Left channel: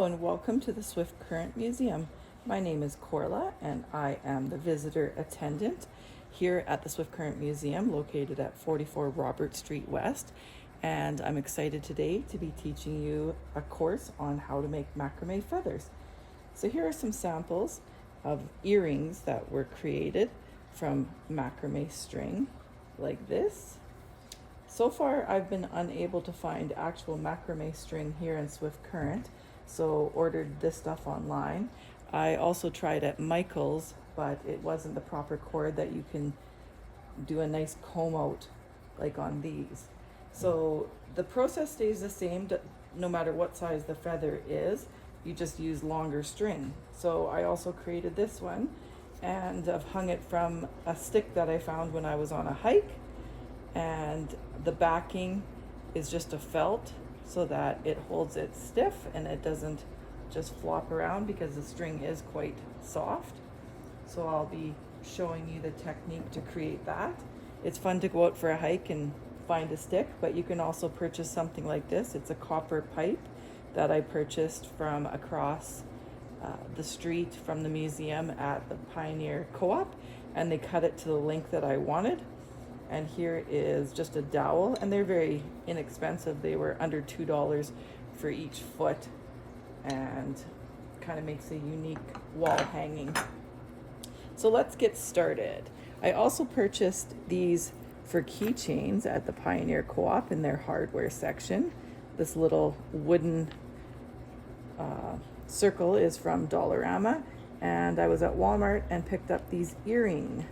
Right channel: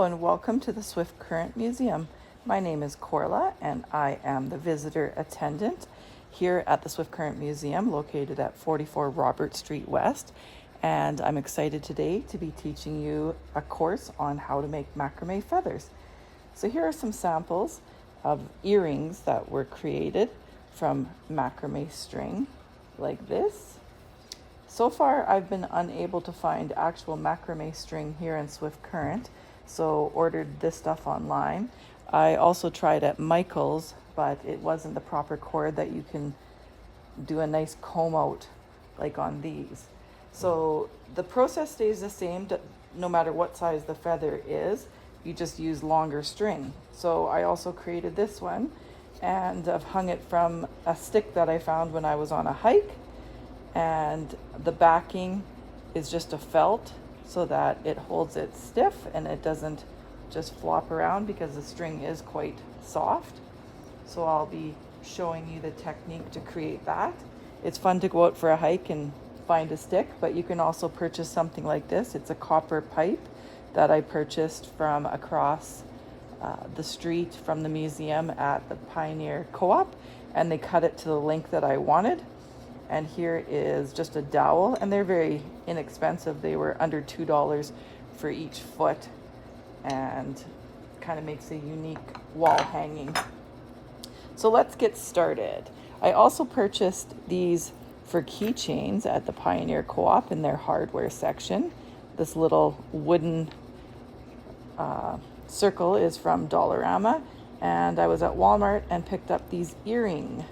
Hello and welcome to the Swift Current Museum. My name is Corla and I am the visitor attendant here at the Swift Current Museum located at 44 Robert Street West. And I'm excited today to be teaching you a course on how to make macrame feathers. So here are some samples of earrings that were created from macrame string like this. So far, I've been unable to find actual macrame string here in Swift Current, so ordered this stuff online. I also tried at Michael's, but it wasn't the proper cord that you can do a nice comb out like on these. So the process stays the same no matter what size the feather is. You just use longer string. So I also created this one, and I've hung it from a stick that I found when I was on a hike. And the backing is just a felt so that it holds it stiff and it doesn't just flop around because the string is quite soft. So I'll be showing you the technique to create that. It's fun to go out for a hike and find a stick, but you can also purchase something like this. It's a copper pipe that I purchased from across the street from the museum at the Pioneer Co-op, and they cut it to the length that I wanted. And here is just a dowel, and they're very inexpensive. They were under $2 for each foot, and kind of makes a unique wall hanging. So let's get started. I also purchased these for keychains at the Pioneer Co-op in their hardware section. This little wooden circle is from Dollarama, and I was at Walmart and picked up these earring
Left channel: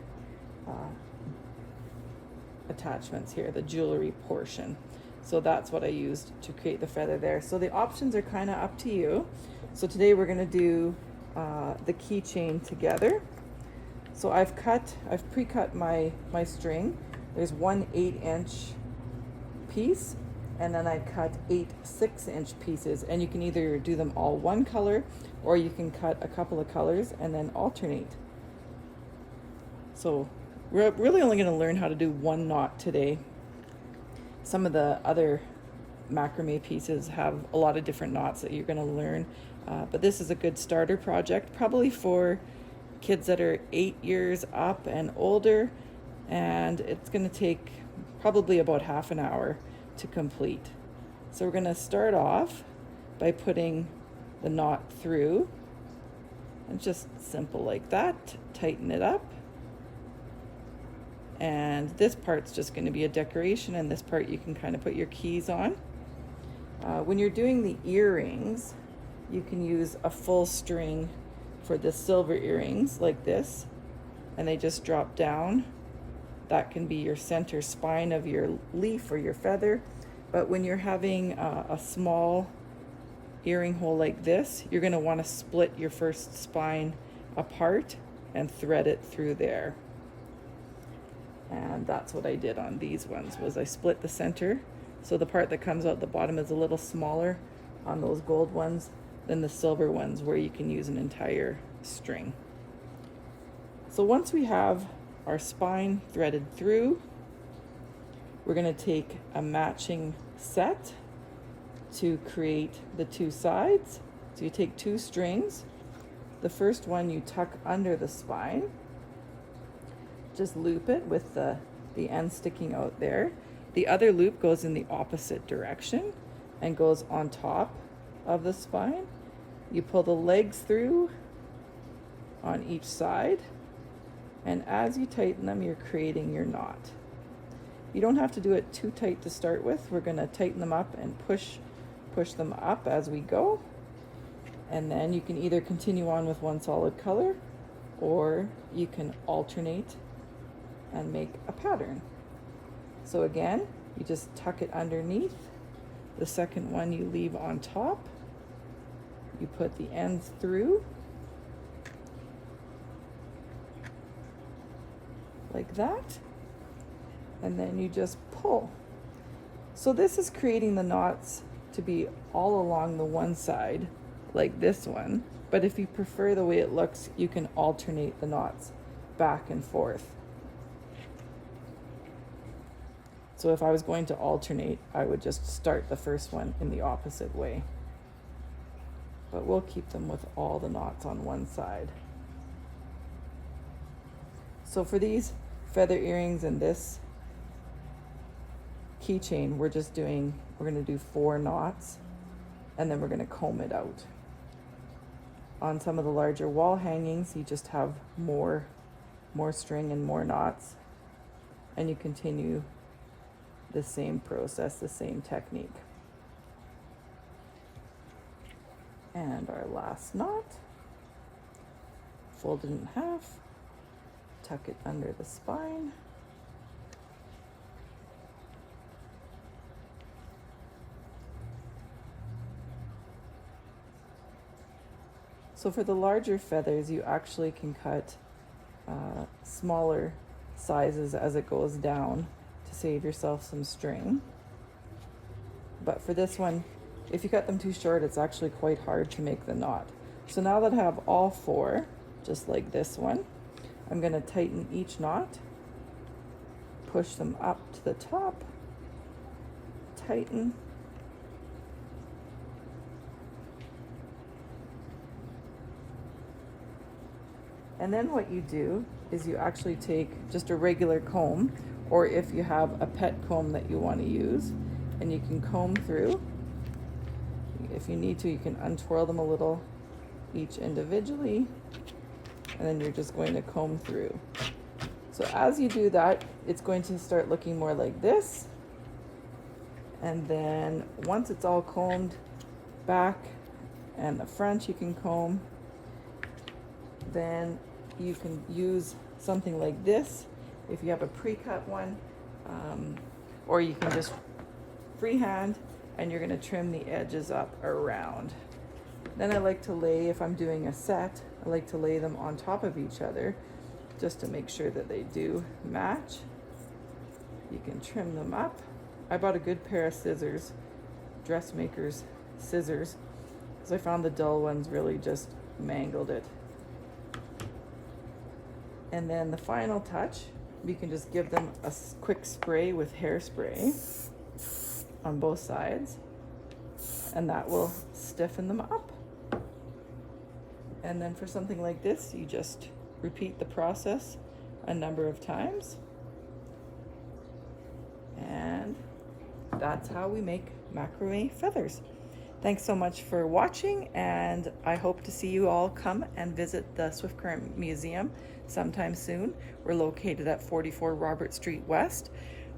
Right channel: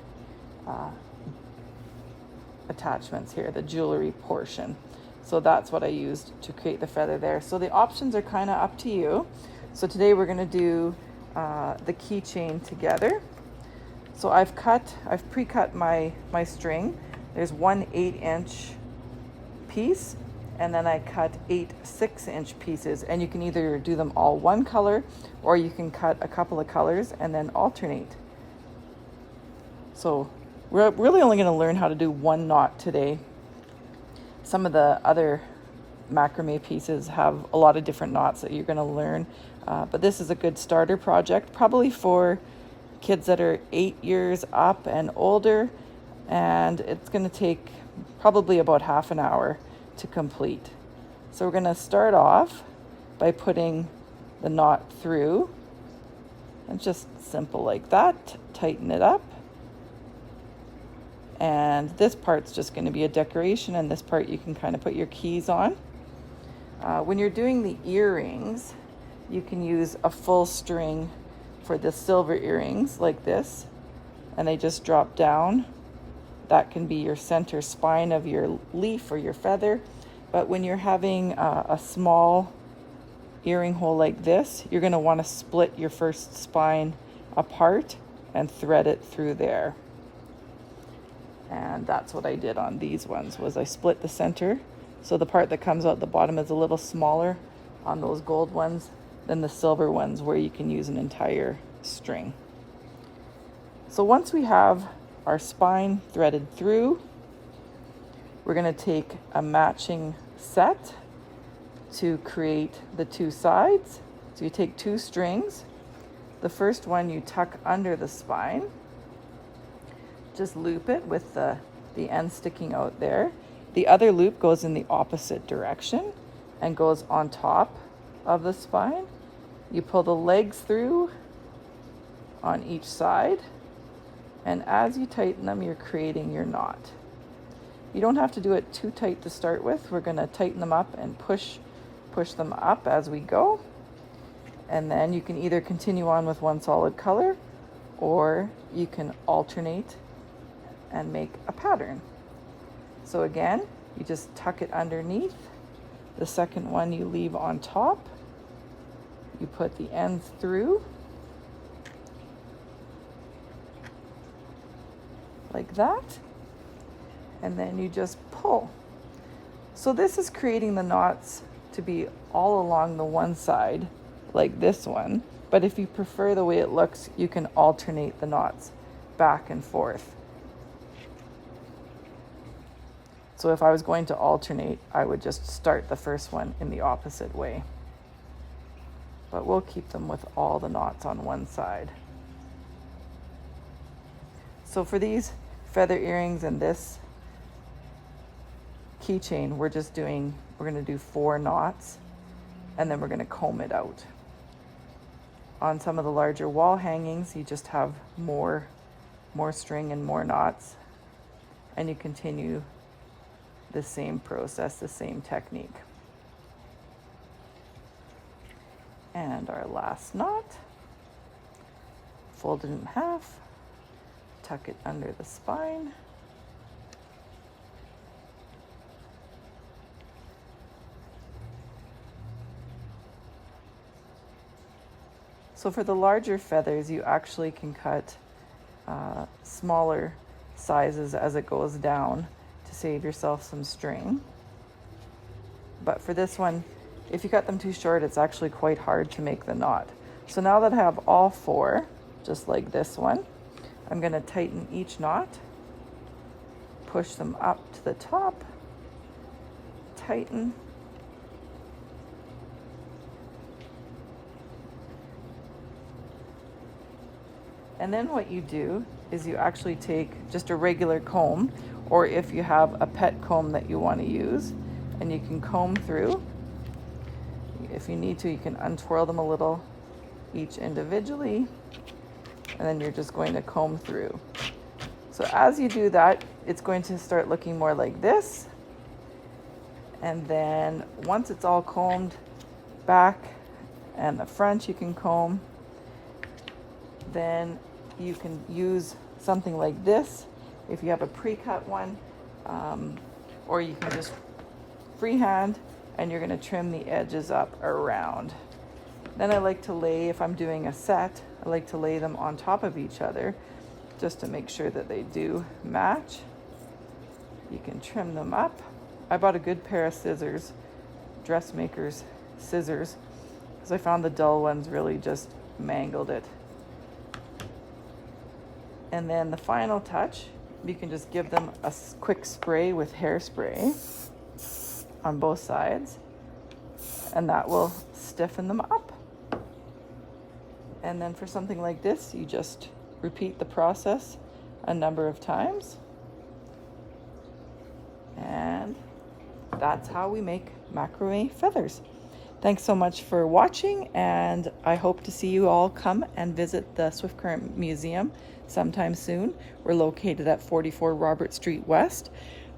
attachments here, the jewelry portion. So that's what I used to create the feather there. So the options are kind of up to you. So today we're going to do the keychain together. So I've pre-cut my string. There's one 8-inch piece, and then I cut 8 6-inch pieces, and you can either do them all one color or you can cut a couple of colors and then alternate. So we're really only going to learn how to do one knot today. Some of the other macrame pieces have a lot of different knots that you're going to learn, but this is a good starter project, probably for kids that are 8 years up and older, and it's going to take probably about half an hour to complete. So we're going to start off by putting the knot through, and just simple like that, tighten it up. And this part's just going to be a decoration, and this part you can kind of put your keys on. When you're doing the earrings, you can use a full string for the silver earrings like this, and they just drop down. That can be your center spine of your leaf or your feather. But when you're having a small earring hole like this, you're going to want to split your first spine apart and thread it through there. And that's what I did on these ones, was I split the center. So the part that comes out the bottom is a little smaller on those gold ones than the silver ones, where you can use an entire string. So once we have our spine threaded through, we're going to take a matching set to create the two sides. So you take 2 strings. The first one you tuck under the spine. Just loop it with the end sticking out there. The other loop goes in the opposite direction and goes on top of the spine. You pull the legs through on each side, and as you tighten them, you're creating your knot. You don't have to do it too tight to start with. We're going to tighten them up and push them up as we go. And then you can either continue on with one solid color, or you can alternate and make a pattern. So again, you just tuck it underneath. The second one you leave on top. You put the ends through like that, and then you just pull. So this is creating the knots to be all along the one side like this one, but if you prefer the way it looks, you can alternate the knots back and forth. So if I was going to alternate, I would just start the first one in the opposite way. but we'll keep them with all the knots on one side. So for these feather earrings and this keychain, we're going to do 4 knots, and then we're going to comb it out. On some of the larger wall hangings, you just have more string and more knots, and you continue the same process, the same technique. And our last knot, fold it in half, tuck it under the spine, so for the larger feathers, you actually can cut smaller sizes as it goes down to save yourself some string. But for this one, if you cut them too short, it's actually quite hard to make the knot. So now that I have all 4, just like this one, I'm going to tighten each knot, push them up to the top, tighten, and then what you do is you actually take just a regular comb, or if you have a pet comb that you want to use, and you can comb through. If you need to, you can untwirl them a little each individually, and then you're just going to comb through. So as you do that, it's going to start looking more like this. And then once it's all combed back and the front you can comb, then you can use something like this if you have a pre-cut one, or you can just freehand, and you're going to trim the edges up around. Then I like to lay, if I'm doing a set, I like to lay them on top of each other just to make sure that they do match. You can trim them up. I bought a good pair of scissors, dressmaker's scissors, because I found the dull ones really just mangled it. And then the final touch, you can just give them a quick spray with hairspray on both sides, and that will stiffen them up. And then for something like this, you just repeat the process a number of times. And that's how we make macrame feathers. Thanks so much for watching, and I hope to see you all come and visit the Swift Current Museum sometime soon. We're located at 44 Robert Street West.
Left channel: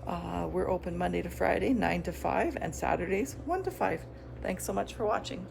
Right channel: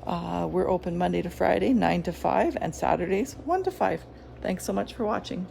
We're open Monday to Friday, 9 to 5, and Saturdays, 1 to 5. Thanks so much for watching.